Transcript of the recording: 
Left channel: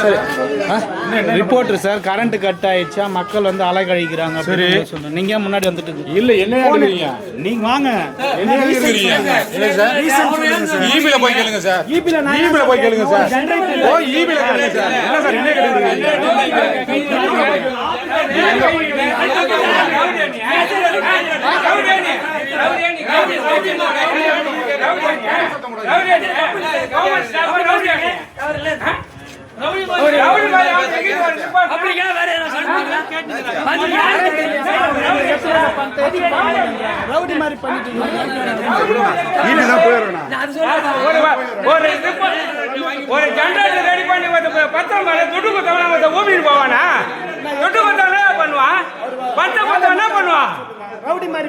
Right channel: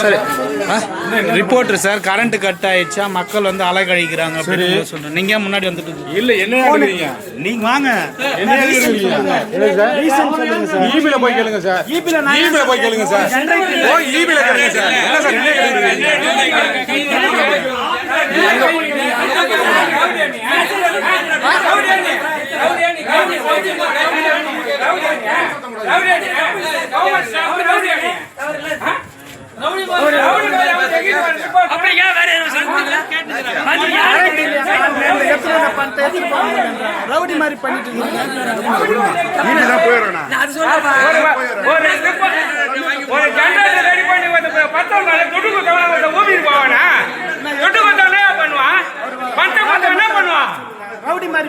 சரி, reporter sir, current cut ஆயிடுச்சா, மக்கள் வந்து அலைக்கழிக்கிறாங்க. சரி, நீங்க முன்னாடி வந்துட்டு இல்ல என்ன எழுதுறீங்க? நீங்க வாங்க, என்ன எழுதுறீங்க? இல்ல சார், ரீசன் சொல்லுங்க சார். ஈபில போய் கேளுங்க சார். ஈபில போய் கேளுங்க சார். ஓ ஈபில கேளுங்க சார். என்ன சார் என்ன எழுதுறீங்க? ரவுடி மாதிரி பண்ணிட்டு ரவுடி மாதிரி